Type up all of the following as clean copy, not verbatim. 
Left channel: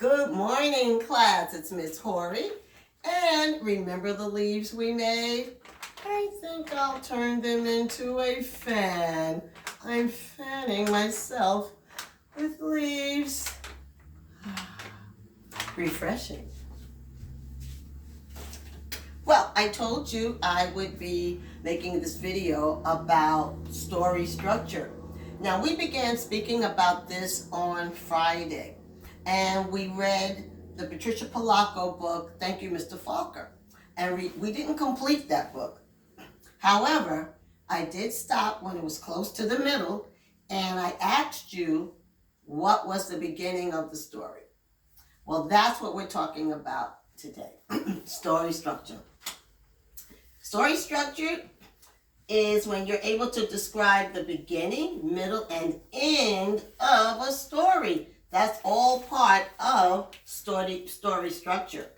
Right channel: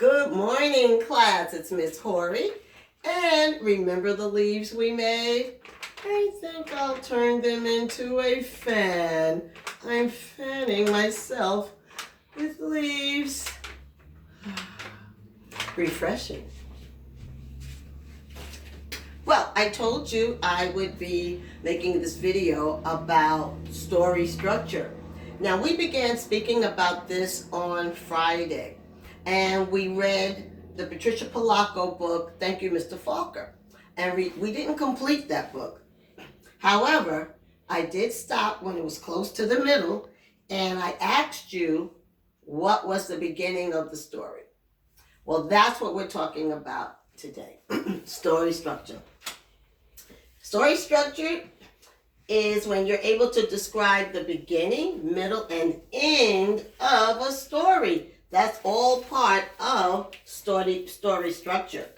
Good morning, class. It's Miss Horrey. And remember the leaves we made? I think I'll turn them into a fan. I'm fanning myself with leaves. Refreshing. Well, I told you I would be making this video about story structure. Now, we began speaking about this on Friday, and we read the Patricia Polacco book, Thank You, Mr. Falker. And we didn't complete that book. However, I did stop when it was close to the middle, and I asked you what was the beginning of the story. Well, that's what we're talking about today. Story structure. Story structure is when you're able to describe the beginning, middle, and end of a story. That's all part of story structure.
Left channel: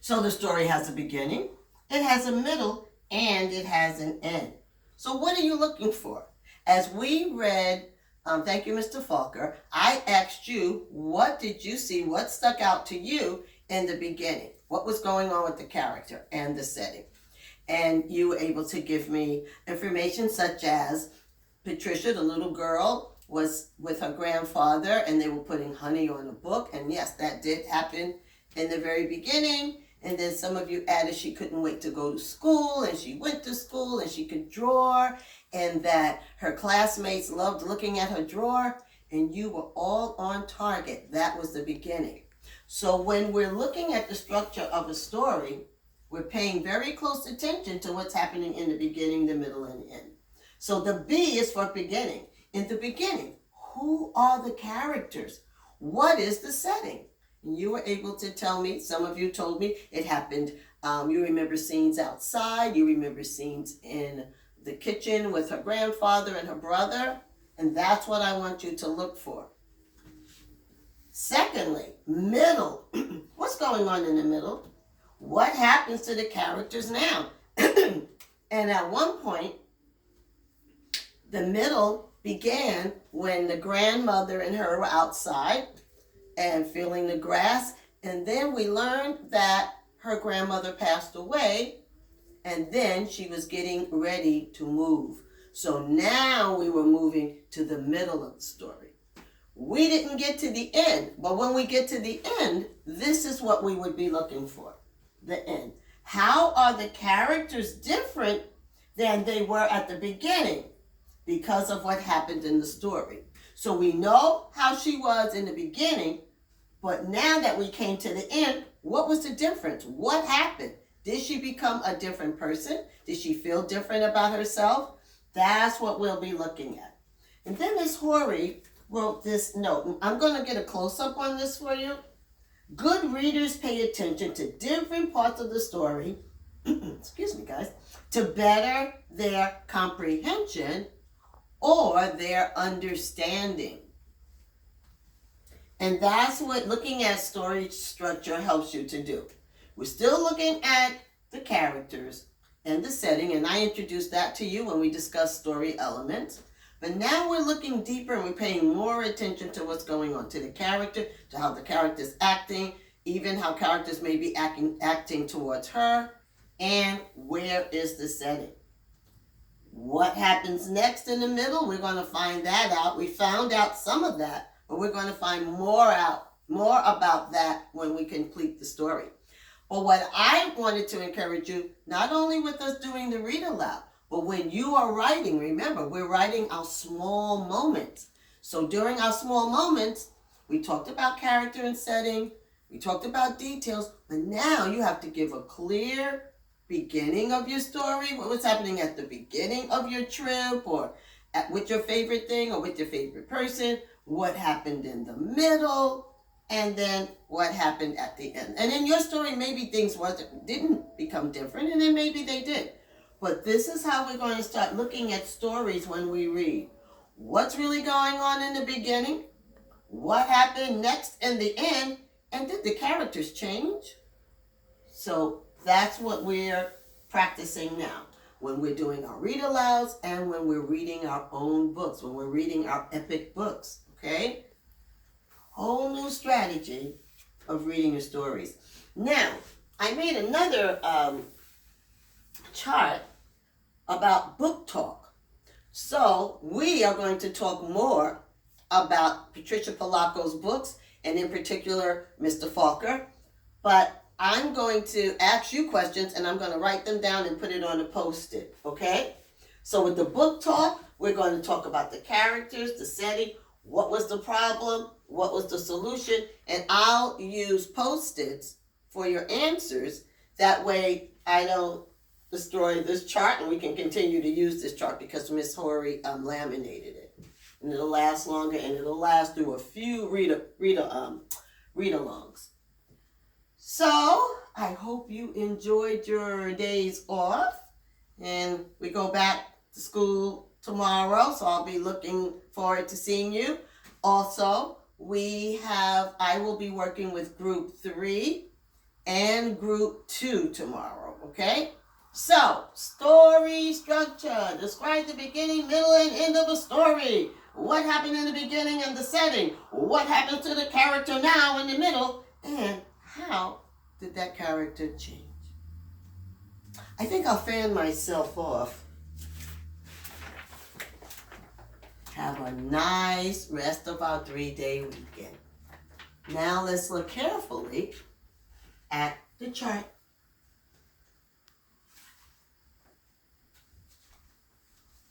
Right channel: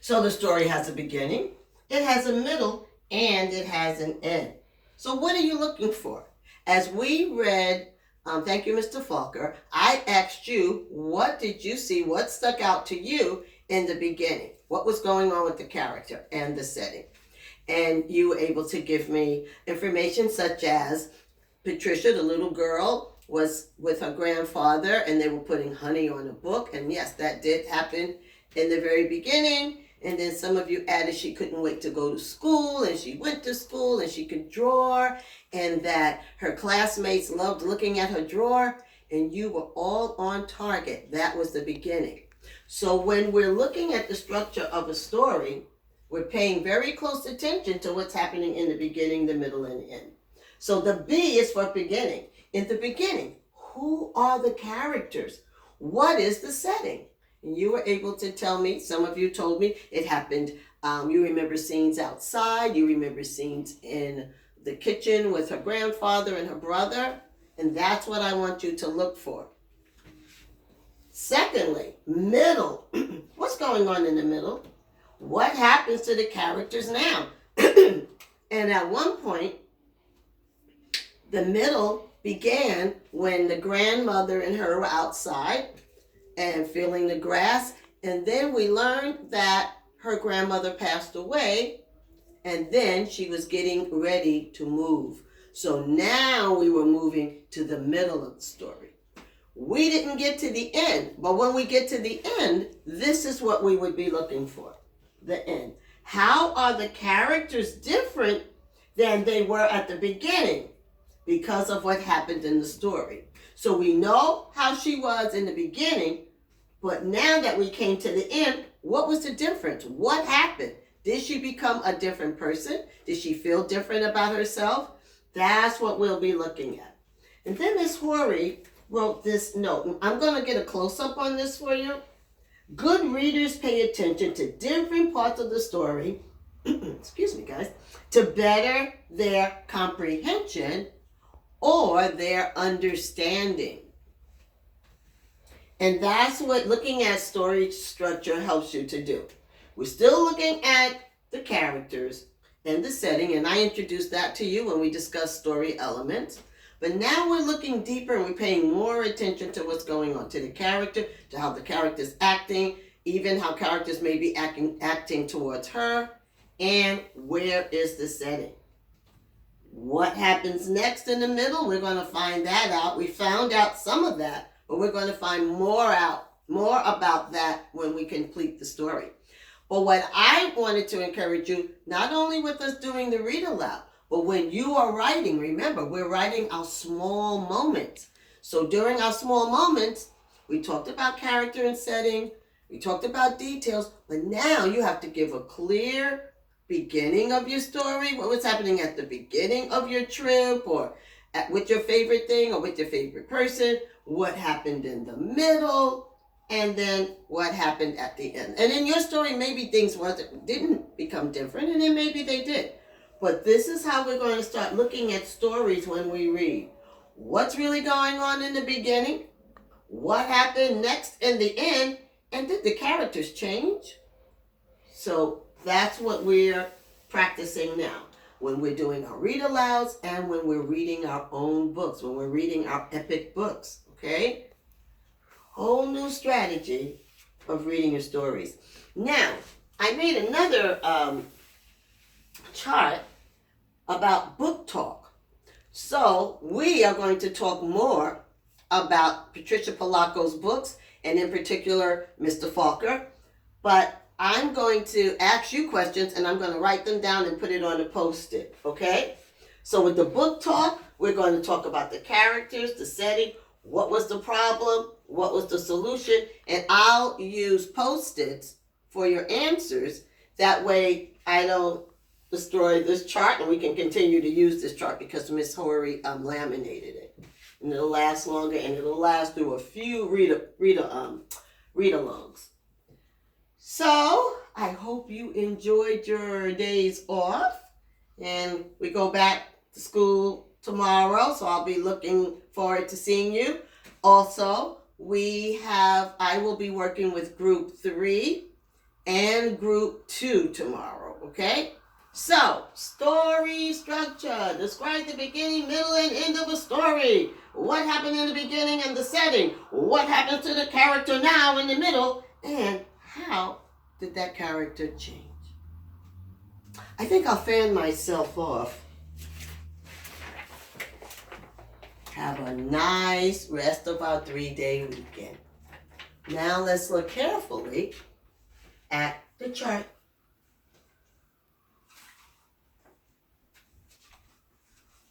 So the story has a beginning, it has a middle, and it has an end. So what are you looking for? As we read Thank You, Mr. Falker, I asked you, what did you see? What stuck out to you in the beginning? What was going on with the character and the setting? And you were able to give me information such as Patricia, the little girl, was with her grandfather and they were putting honey on a book. And yes, that did happen in the very beginning. And then some of you added she couldn't wait to go to school, and she went to school and she could draw, and that her classmates loved looking at her drawer, and you were all on target. That was the beginning. So when we're looking at the structure of a story, we're paying very close attention to what's happening in the beginning, the middle, and the end. So the B is for beginning. In the beginning, who are the characters? What is the setting? And you were able to tell me, some of you told me it happened. You remember scenes outside. You remember scenes in the kitchen with her grandfather and her brother. And that's what I want you to look for. Secondly, middle. What's going on in the middle? What happens to the characters now? And at one point, the middle began when the grandmother and her were outside and feeling the grass. And then we learned that her grandmother passed away, and then she was getting ready to move. So now we were moving to the middle of the story. We didn't get to the end, but when we get to the end, this is what we would be looking for, the end. How are the characters different than they were at the beginning because of what happened in the story? So we know how she was in the beginning, but now that we came to the end, what was the difference? What happened? Did she become a different person? Did she feel different about herself? That's what we'll be looking at. And then Miss Horrey wrote this note. I'm going to get a close-up on this for you. Good readers pay attention to different parts of the story, excuse me guys, to better their comprehension or their understanding. And that's what looking at story structure helps you to do. We're still looking at the characters and the setting, and I introduced that to you when we discussed story elements. But now we're looking deeper and we're paying more attention to what's going on, to the character, to how the character's acting, even how characters may be acting towards her, and where is the setting. What happens next in the middle? We're going to find that out. We found out some of that, but we're going to find more about that when we complete the story. But what I wanted to encourage you, not only with us doing the read aloud, but when you are writing, remember, we're writing our small moments. So during our small moments, we talked about character and setting, we talked about details, but now you have to give a clear beginning of your story, what was happening at the beginning of your trip, or with your favorite thing, or with your favorite person, what happened in the middle, and then what happened at the end. And in your story, maybe things didn't become different, and then maybe they did. But this is how we're going to start looking at stories when we read. What's really going on in the beginning? What happened next in the end? And did the characters change? So that's what we're practicing now when we're doing our read alouds and when we're reading our own books, when we're reading our epic books, okay? whole new strategy of reading your stories. Now, I made another chart about book talk. So we are going to talk more about Patricia Polacco's books, and in particular, Mr. Falker. But I'm going to ask you questions, and I'm going to write them down and put it on a Post-it, okay? So with the book talk, we're going to talk about the characters, the setting, what was the problem, what was the solution, and I'll use Post-its for your answers. That way I don't destroy this chart, and we can continue to use this chart because Miss Horrey laminated it. And it'll last longer, and it'll last through a few read-alongs. So I hope you enjoyed your days off, and we go back to school tomorrow, so I'll be looking forward to seeing you. Also, I will be working with Group 3 and Group 2 tomorrow, okay? So, story structure. Describe the beginning, middle, and end of a story. What happened in the beginning and the setting? What happens to the character now in the middle? And how did that character change? I think I'll fan myself off. Have a nice rest of our 3-day weekend. Now let's look carefully at the chart.